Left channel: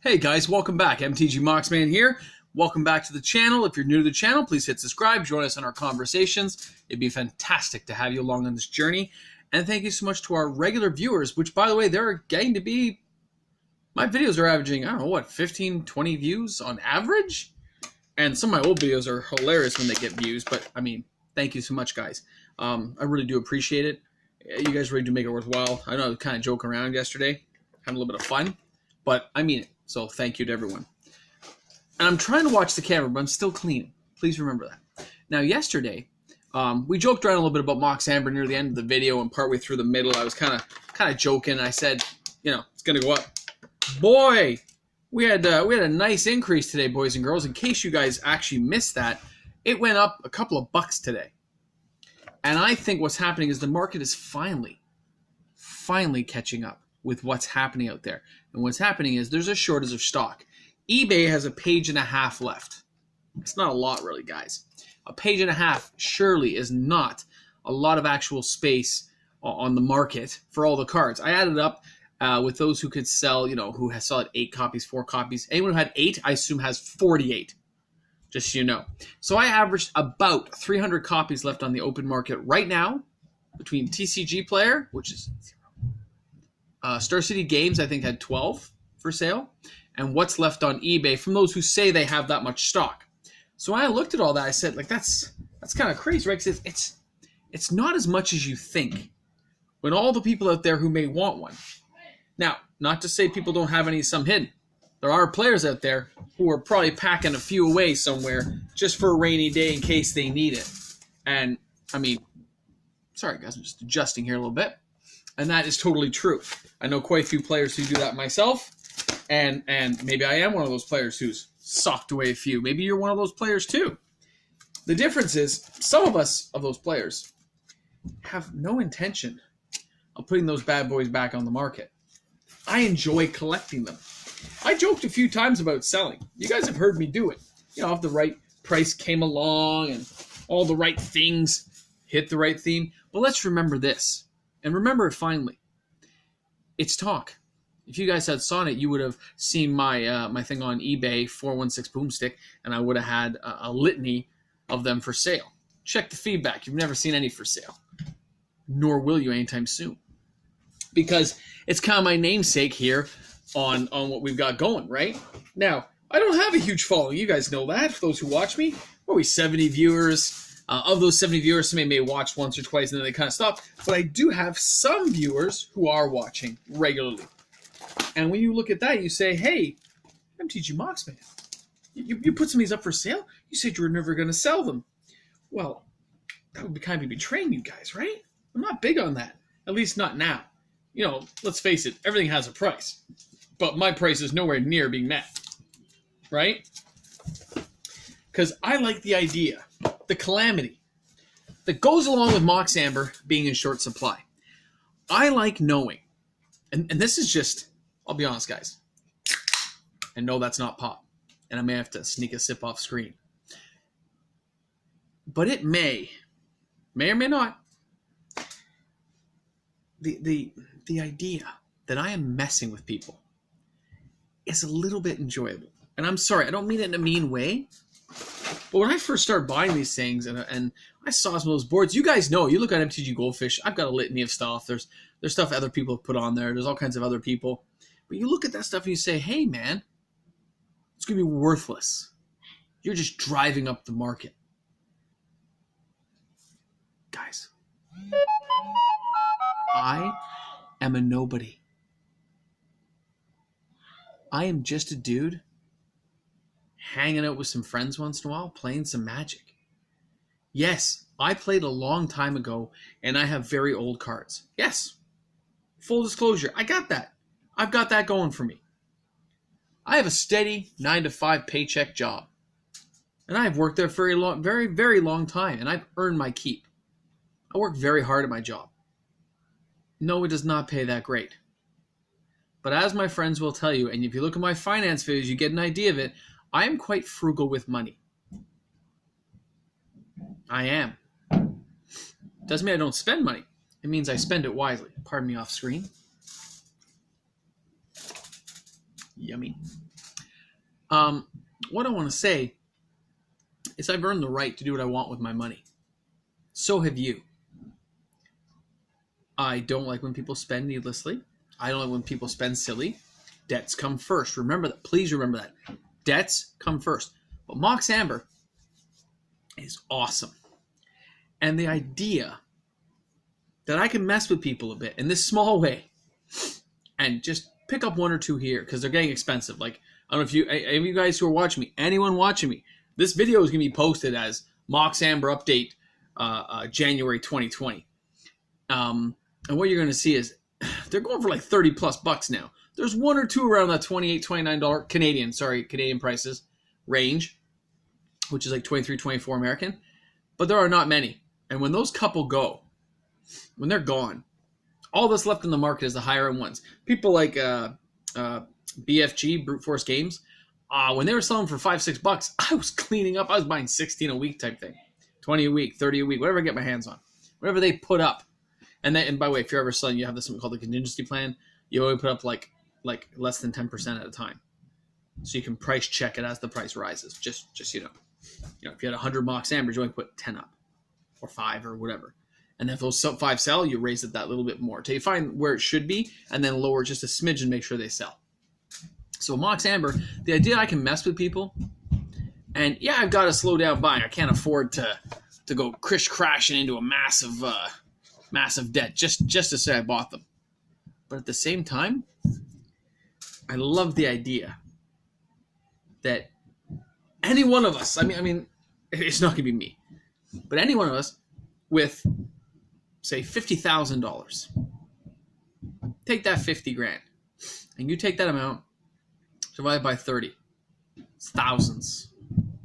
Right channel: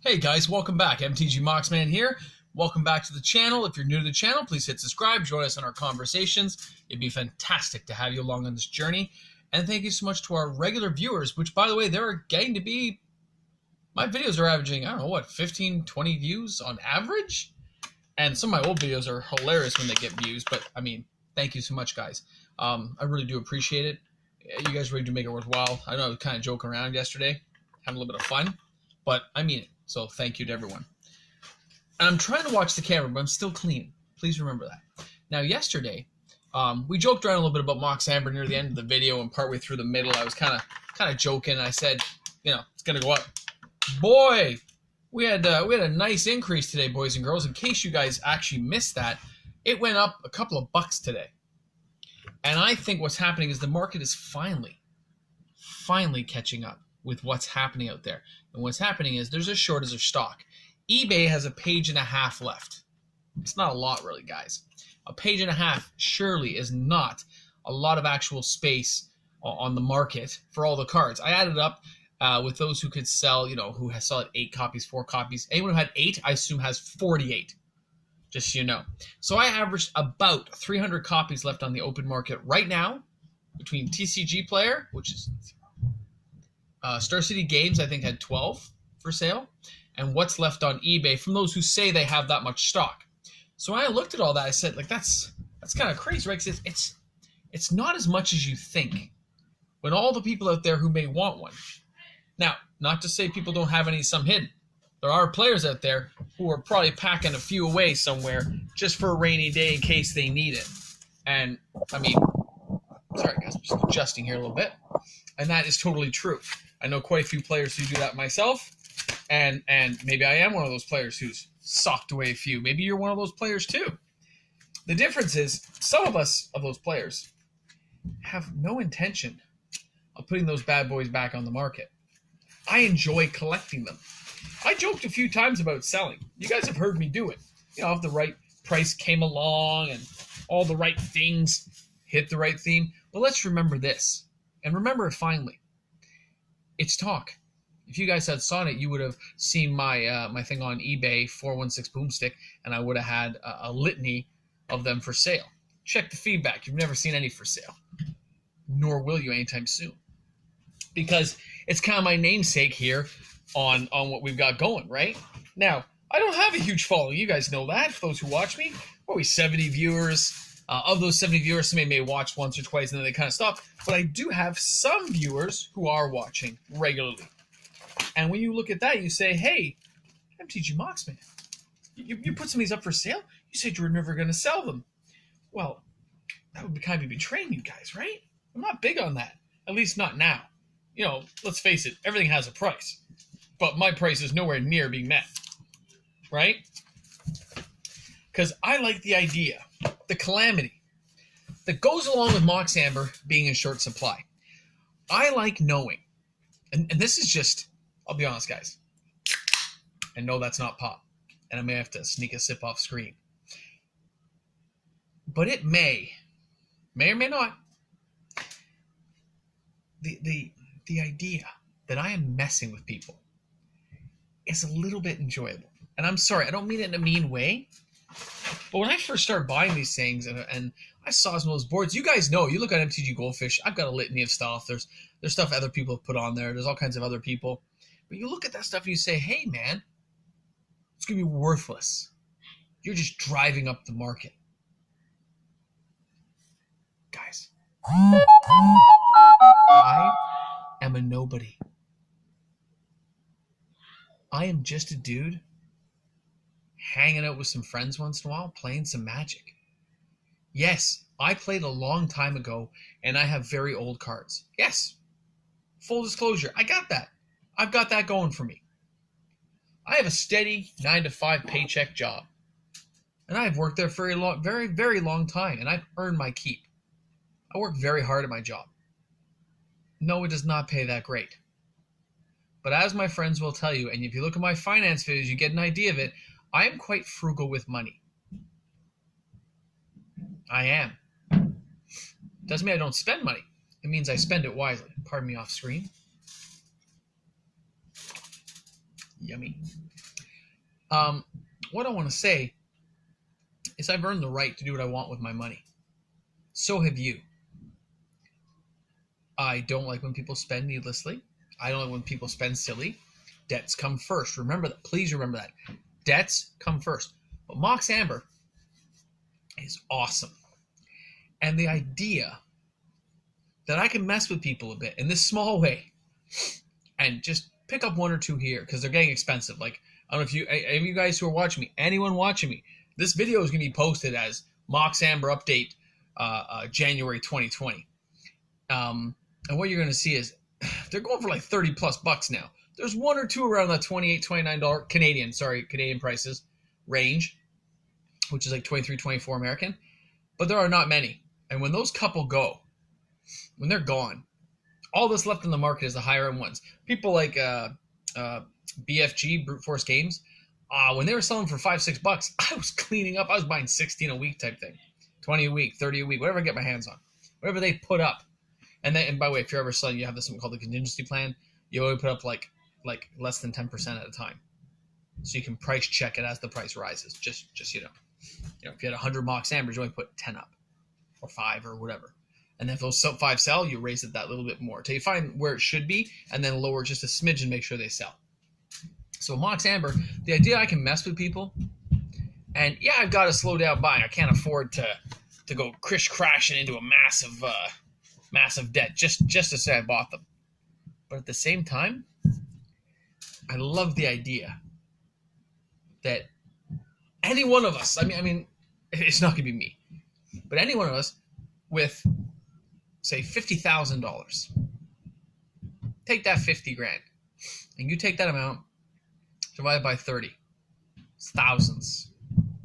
Hey guys, welcome back. MTG Moxman here. Welcome back to the channel. If you're new to the channel, please hit subscribe. Join us in our conversations. It'd be fantastic to have you along on this journey. And thank you so much to our regular viewers, which, by the way, they're getting to be... My videos are averaging, I don't know, what, 15, 20 views on average? And some of my old videos are hilarious when they get views. But, I mean, thank you so much, guys. I really do appreciate it. You guys really do make it worthwhile. I know I was kind of joking around yesterday, having a little bit of fun. But I mean it. So thank you to everyone. And I'm trying to watch the camera, but I'm still cleaning. Please remember that. Now, yesterday, we joked around a little bit about MOX AMBER near the end of the video, and partway through the middle, I was kind of joking. I said, you know, it's gonna go up. Boy, we had a nice increase today, boys and girls. In case you guys actually missed that, it went up a couple of bucks today. And I think what's happening is the market is finally catching up with what's happening out there. And what's happening is there's a shortage of stock. eBay has a page and a half left. It's not a lot, really, guys. A page and a half surely is not a lot of actual space on the market for all the cards. I added up with those who could sell, you know, who has sold 8 copies, 4 copies. Anyone who had 8, I assume, has 48. Just so you know. So I averaged about 300 copies left on the open market right now between TCG Player, which is... Star City Games, I think, had 12 for sale. And what's left on eBay from those who say they have that much stock. So when I looked at all that, I said, like, that's kind of crazy, right? Because it's not as much as you think. When all the people out there who may want one. Now, not to say people don't have some hidden. There are players out there who are probably packing a few away somewhere just for a rainy day in case they need it. And, I mean, sorry guys, I'm just adjusting here a little bit. And that is totally true. I know quite a few players who do that myself, and maybe I am one of those players who's socked away a few. Maybe you're one of those players too. The difference is some of us, of those players, have no intention of putting those bad boys back on the market. I enjoy collecting them. I joked a few times about selling. You guys have heard me do it. You know, if the right price came along and all the right things hit the right theme. But let's remember this. And remember it finally. It's talk. If you guys had Sonnet, you would have seen my my thing on eBay, 416 Boomstick, and I would have had a litany of them for sale. Check the feedback. You've never seen any for sale. Nor will you anytime soon. Because it's kind of my namesake here on what we've got going, right? Now, I don't have a huge following. You guys know that. For those who watch me, what are we, 70 viewers? Of those 70 viewers, somebody may watch once or twice and then they kind of stop. But I do have some viewers who are watching regularly. And when you look at that, you say, hey, MTG Moxman, you put some of these up for sale? You said you were never going to sell them. Well, that would be kind of betraying you guys, right? I'm not big on that. At least not now. You know, let's face it, everything has a price. But my price is nowhere near being met. Right? Because I like the idea, the calamity that goes along with MOX AMBER being in short supply. I like knowing, and this is just, I'll be honest, guys. I know that's not pop, and I may have to sneak a sip off screen. But it may or may not, the idea that I am messing with people is a little bit enjoyable. And I'm sorry, I don't mean it in a mean way. But when I first started buying these things and I saw some of those boards, you guys know, you look at MTG Goldfish, I've got a litany of stuff. There's stuff other people have put on there. There's all kinds of other people. But you look at that stuff and you say, hey, man, it's going to be worthless. You're just driving up the market. Guys, I am a nobody. I am just a dude hanging out with some friends once in a while, playing some Magic. Yes, I played a long time ago, and I have very old cards. Yes, full disclosure, I got that. I've got that going for me. I have a steady 9-to-5 paycheck job, and I've worked there for a very, very long time, and I've earned my keep. I work very hard at my job. No, it does not pay that great. But as my friends will tell you, and if you look at my finance videos, you get an idea of it, I am quite frugal with money. I am. Doesn't mean I don't spend money. It means I spend it wisely. Pardon me off screen. Yum. yummy. What I want to say is I've earned the right to do what I want with my money. So have you. I don't like when people spend needlessly. I don't like when people spend silly. Debts come first. Remember that. Please remember that. Debts come first. But MOX Amber is awesome. And the idea that I can mess with people a bit in this small way and just pick up one or two here because they're getting expensive. Like, I don't know if any of you guys who are watching me, anyone watching me, this video is going to be posted as MOX Amber update January 2020. And what you're going to see is they're going for like 30 plus bucks now. There's one or two around that $28, $29 Canadian prices range, which is like 23, 24 American. But there are not many. And when those couple go, when they're gone, all that's left in the market is the higher end ones. People like BFG, Brute Force Games, when they were selling for $5, $6, I was cleaning up. I was buying 16 a week type thing, 20 a week, 30 a week, whatever I get my hands on, whatever they put up. And by the way, if you're ever selling, you have this something called the contingency plan. You only put up like less than 10% at a time, so you can price check it as the price rises. Just if you had 100 MOX Ambers, you only put 10 up, or 5 or whatever. And then if those 5 sell, you raise it that little bit more till you find where it should be, and then lower just a smidge and make sure they sell. So MOX Amber, the idea I can mess with people, and yeah, I've got to slow down buying. I can't afford to go crashing into a massive debt just to say I bought them. But at the same time, I love the idea that any one of us, I mean, it's not going to be me, but any one of us with, say, $50,000, take that 50 grand, and you take that amount, divide by 30, it's thousands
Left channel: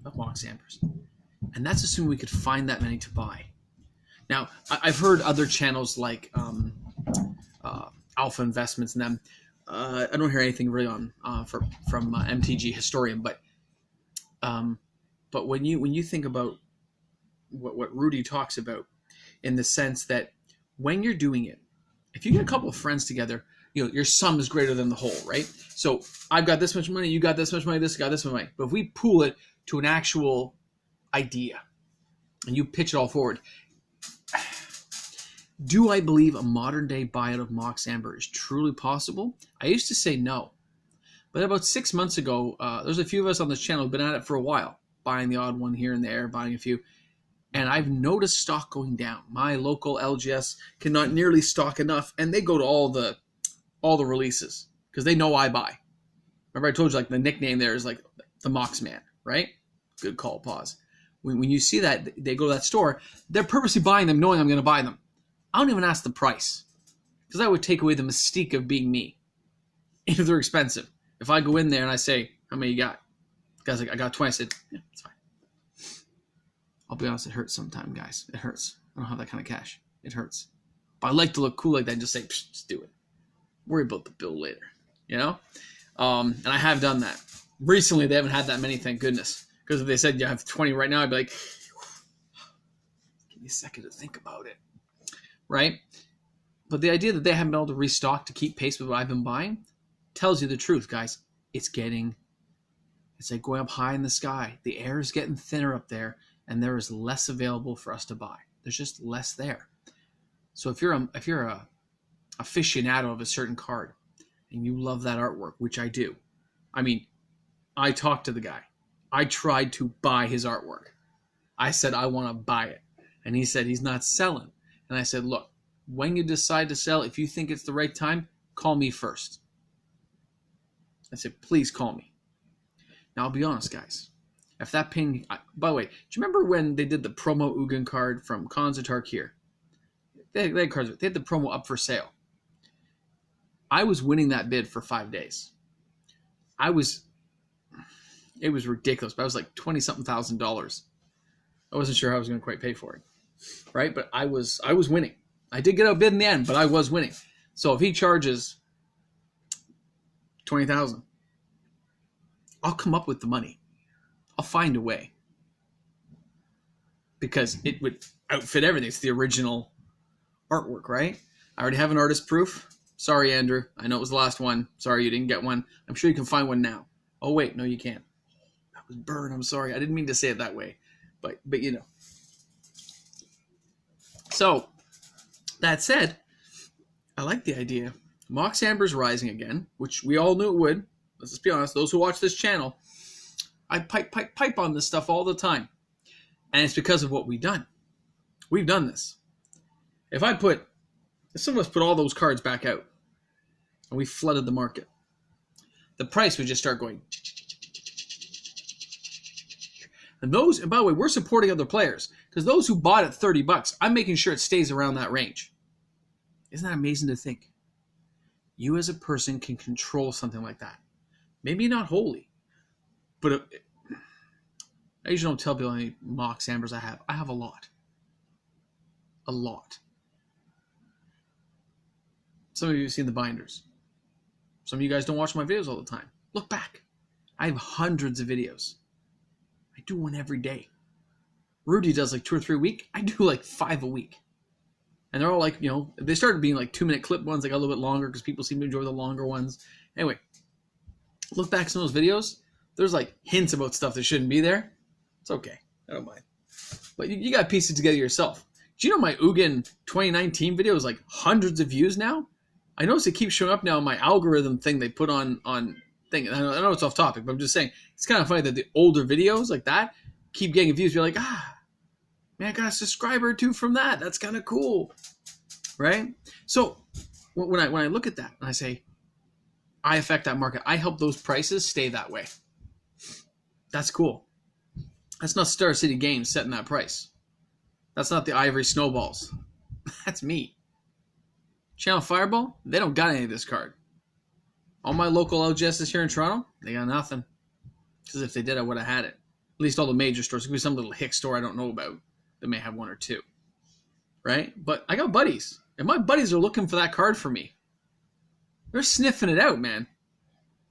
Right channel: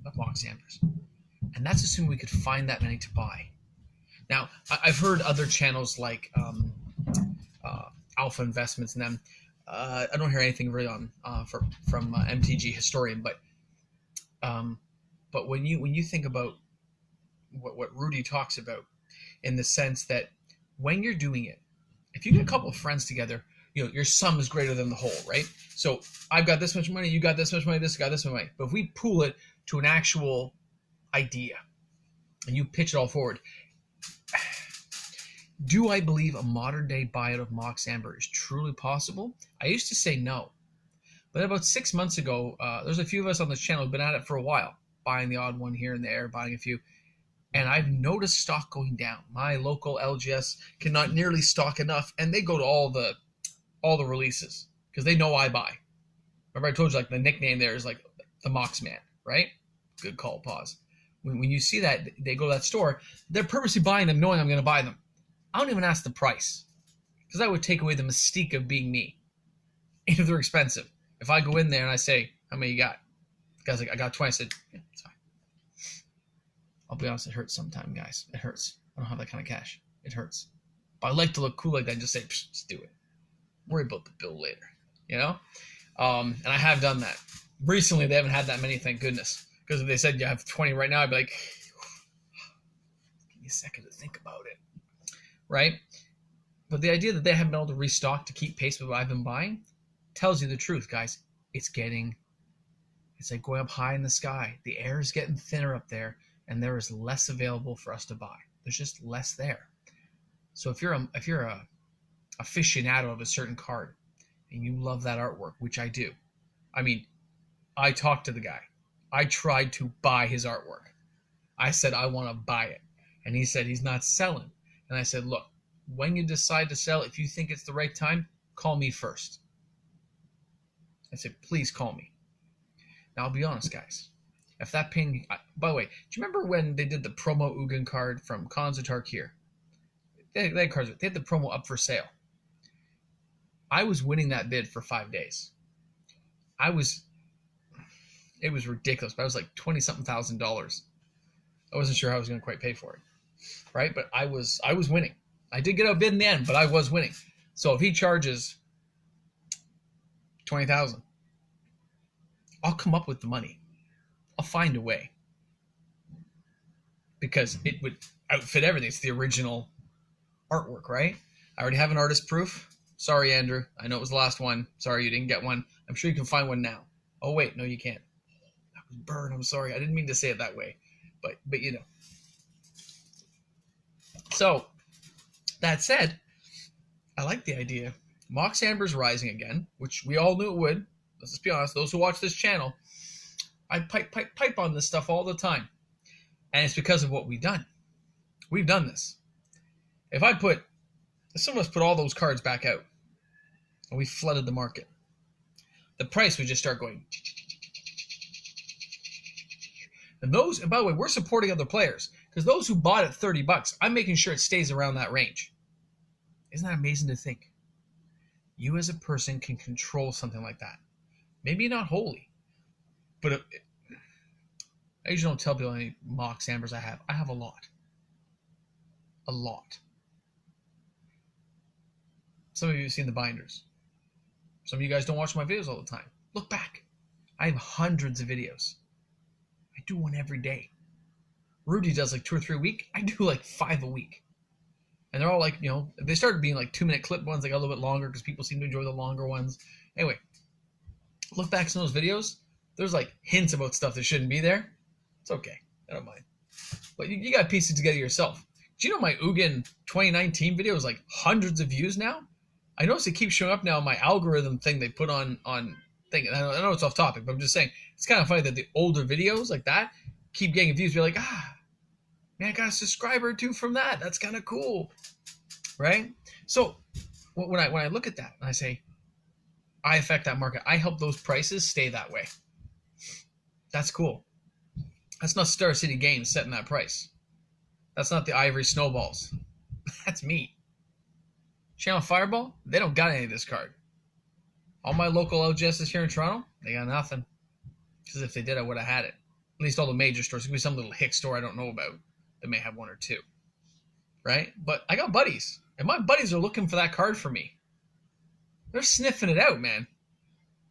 of MOX Ambers. And that's assuming we could find that many to buy. Now, I've heard other channels like Alpha Investments and them. I don't hear anything really from MTG Historian, but when you think about what Rudy talks about, in the sense that when you're doing it, if you get a couple of friends together, your sum is greater than the whole, right? So I've got this much money, you got this much money, this got this much money. But if we pool it to an actual idea and you pitch it all forward, do I believe a modern day buyout of MOX Amber is truly possible? I used to say no. But about 6 months ago, there's a few of us on this channel who've been at it for a while, buying the odd one here and there, buying a few. And I've noticed stock going down. My local LGS cannot nearly stock enough, and they go to all the releases because they know I buy. Remember I told you, like, the nickname there is like the MOX Man, right? Good call, pause. When you see that, they go to that store, they're purposely buying them knowing I'm going to buy them. I don't even ask the price because that would take away the mystique of being me. If they're expensive. If I go in there and I say, how many you got? The guy's like, I got 20. I said, yeah, it's fine. I'll be honest, it hurts sometimes, guys. It hurts. I don't have that kind of cash. It hurts. But I like to look cool like that and just say, just do it. Worry about the bill later, And I have done that. Recently, they haven't had that many, thank goodness. Because if they said you have 20 right now, I'd be like, give me a second to think about it. Right? But the idea that they haven't been able to restock to keep pace with what I've been buying tells you the truth, guys. It's like going up high in the sky. The air is getting thinner up there, and there is less available for us to buy. There's just less there. So if you're a aficionado of a certain card and you love that artwork, which I do. I mean, I talked to the guy. I tried to buy his artwork. I said, I want to buy it. And he said, he's not selling. And I said, look, when you decide to sell, if you think it's the right time, call me first. I said, please call me. Now, I'll be honest, guys. If that ping... By the way, do you remember when they did the promo Ugin card from Konzatark here? They had cards. They had the promo up for sale. I was winning that bid for 5 days. It was ridiculous, but I was like $20-something thousand. I wasn't sure how I was going to quite pay for it, right? But I was winning. I did get outbid in the end, but I was winning. So if he charges $20,000, I'll come up with the money. I'll find a way because it would outfit everything. It's the original artwork, right? I already have an artist proof, Sorry, Andrew. I know it was the last one. Sorry you didn't get one. I'm sure you can find one now. Oh, wait. No, you can't. That was burn. I'm sorry. I didn't mean to say it that way. But you know. So, that said, I like the idea. MOX Amber's rising again, which we all knew it would. Let's just be honest. Those who watch this channel, I pipe on this stuff all the time. And it's because of what we've done. We've done this. If some of us put all those cards back out and we flooded the market, the price would just start going. And by the way, we're supporting other players because those who bought at $30, I'm making sure it stays around that range. Isn't that amazing to think? You as a person can control something like that. Maybe not wholly, but I usually don't tell people how many MOX Ambers I have. I have a lot. A lot. Some of you have seen the binders. Some of you guys don't watch my videos all the time. Look back. I have hundreds of videos. I do one every day. Rudy does like 2 or 3 a week. I do like 5 a week. And they're all like, you know, they started being like 2-minute clip ones. They got a little bit longer because people seem to enjoy the longer ones. Anyway, look back at some of those videos. There's like hints about stuff that shouldn't be there. It's okay. I don't mind. But you got to piece it together yourself. Do you know my Ugin 2019 video is like hundreds of views now? I notice it keeps showing up now on my algorithm thing they put on thing. I know it's off topic, but I'm just saying it's kind of funny that the older videos like that keep getting views. You're like, man, I got a subscriber or 2 from that. That's kind of cool, right? So when I look at that and I say, I affect that market, I help those prices stay that way. That's cool. That's not Star City Games setting that price. That's not the Ivory Snowballs. That's me. Channel Fireball, they don't got any of this card. All my local LGSs here in Toronto, they got nothing. Because if they did, I would have had it. At least all the major stores. It could be some little hick store I don't know about that may have 1 or 2. Right? But I got buddies. And my buddies are looking for that card for me. They're sniffing it out, man.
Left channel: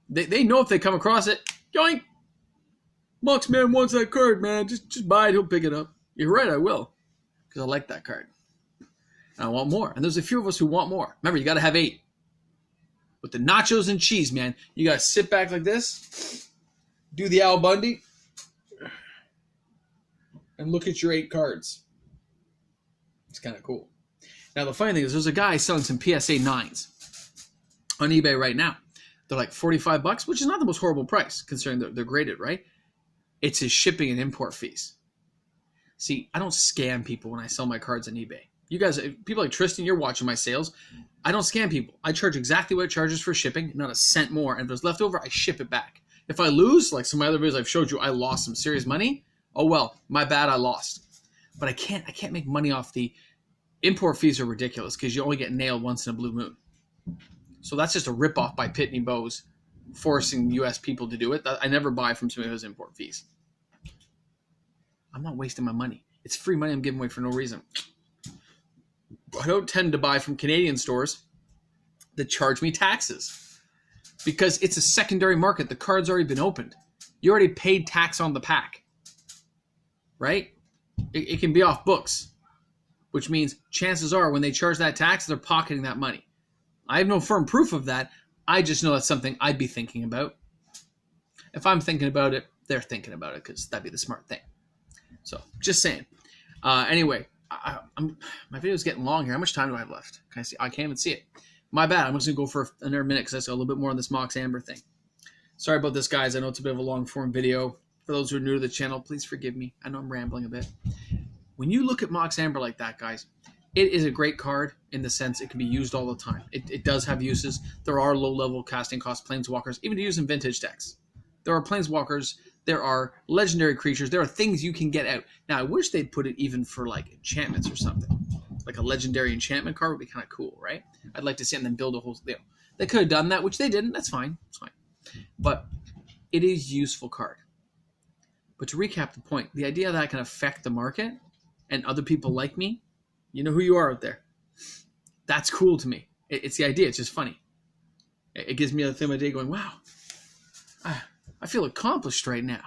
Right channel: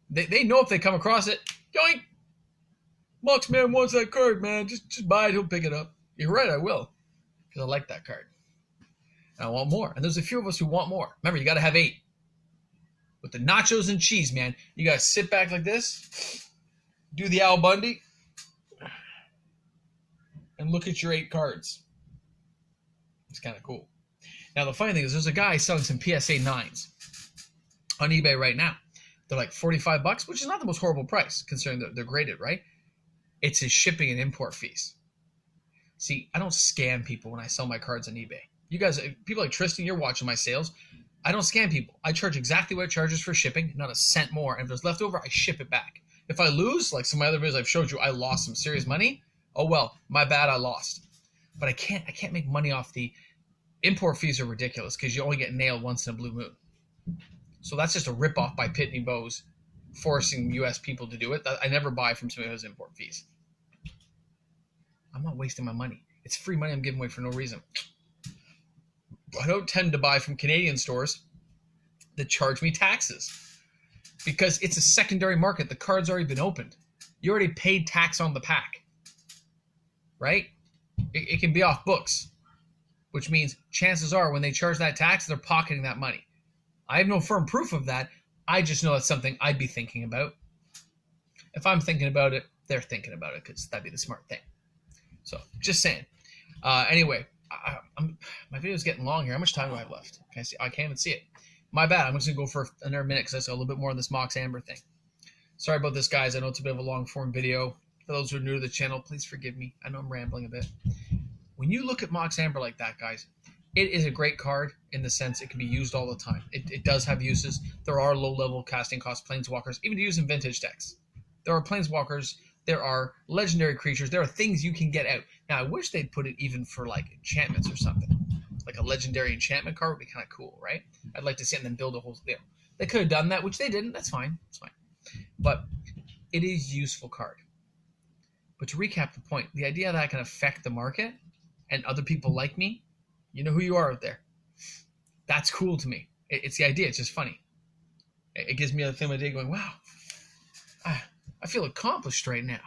They know if they come across it, yoink! Mox Man wants that card, man. Just buy it, he'll pick it up. You're right, I will. Because I like that card. And I want more. And there's a few of us who want more. Remember, you got to have 8. With the nachos and cheese, man. You got to sit back like this. Do the Al Bundy. And look at your 8 cards. It's kind of cool. Now, the funny thing is there's a guy selling some PSA 9s on eBay right now. They're like $45, which is not the most horrible price, considering they're graded, right? It's his shipping and import fees. See, I don't scam people when I sell my cards on eBay. You guys, people like Tristan, you're watching my sales. I don't scam people. I charge exactly what it charges for shipping, not a cent more. And if there's left over, I ship it back. If I lose, like some of my other videos I've showed you, I lost some serious money. Oh well, my bad, I lost. But I can't make money off the import fees. Are ridiculous because you only get nailed once in a blue moon. So that's just a ripoff by Pitney Bowes, forcing U.S. people to do it. I never buy from somebody who has import fees. I'm not wasting my money. It's free money I'm giving away for no reason. I don't tend to buy from Canadian stores that charge me taxes because it's a secondary market. The card's already been opened. You already paid tax on the pack, right? It can be off books, which means chances are when they charge that tax, they're pocketing that money. I have no firm proof of that. I just know that's something I'd be thinking about. If I'm thinking about it, they're thinking about it because that'd be the smart thing. So just saying. Anyway, my video's getting long here. How much time do I have left? Can I see? I can't even see it. My bad. I'm just going to go for another minute because I saw a little bit more on this MOX Amber thing. Sorry about this, guys. I know it's a bit of a long form video. For those who are new to the channel, please forgive me. I know I'm rambling a bit. When you look at MOX Amber like that, guys, it is a great card in the sense it can be used all the time. It does have uses. There are low-level casting cost planeswalkers, even to use in vintage decks. There are planeswalkers. There are legendary creatures. There are things you can get out. Now, I wish they'd put it even for, like, enchantments or something. Like a legendary enchantment card would be kind of cool, right? I'd like to see them build a whole... You know, they could have done that, which they didn't. That's fine. It's fine. But it is a useful card. But to recap the point, the idea that I can affect the market and other people like me, you know who you are out there. That's cool to me. It's the idea. It's just funny. It gives me a thing of the day going, wow, I feel accomplished right now.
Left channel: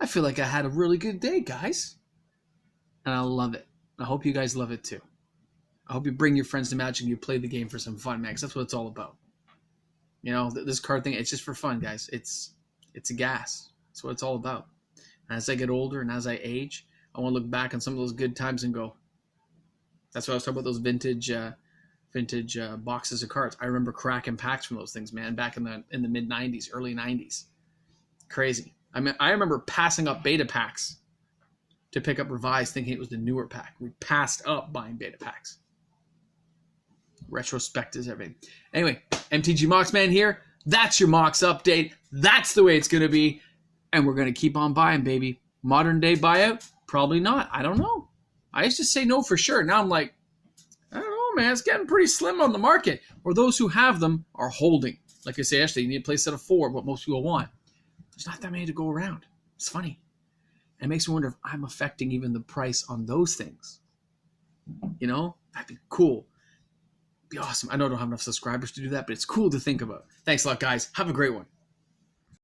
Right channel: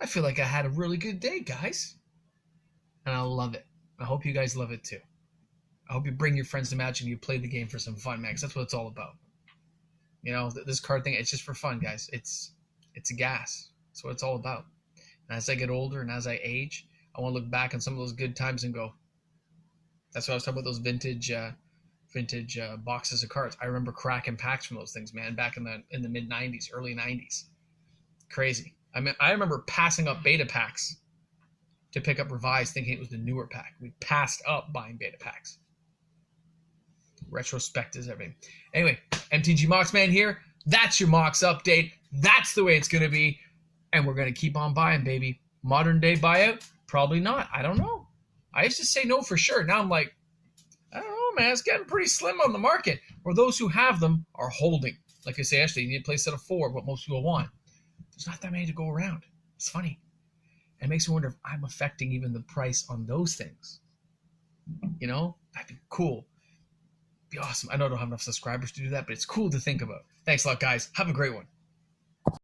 I feel like I had a really good day, guys. And I love it. I hope you guys love it too. I hope you bring your friends to Magic and you play the game for some fun, man, because that's what it's all about. You know, this card thing, it's just for fun, guys. It's a gas. That's what it's all about. And as I get older and as I age, I want to look back on some of those good times and go, that's what I was talking about, those vintage boxes of cards. I remember cracking packs from those things, man, back in the mid 90s, early 90s. Crazy. I mean, I remember passing up beta packs to pick up revised, thinking it was the newer pack. We passed up buying beta packs. Retrospect is everything. Anyway, MTG Moxman here. That's your Mox update. That's the way it's going to be. And we're going to keep on buying, baby. Modern day buyout? Probably not. I don't know. I used to say no for sure. Now I'm like, I don't know, man. It's getting pretty slim on the market. Or those who have them are holding. Like I say, actually, you need a play set of 4, what most people want. There's not that many to go around. It's funny. And it makes me wonder if I'm affecting even the price on those things. You know? That'd be cool. Be awesome. I know I don't have enough subscribers to do that, but it's cool to think about. Thanks a lot, guys. Have a great one.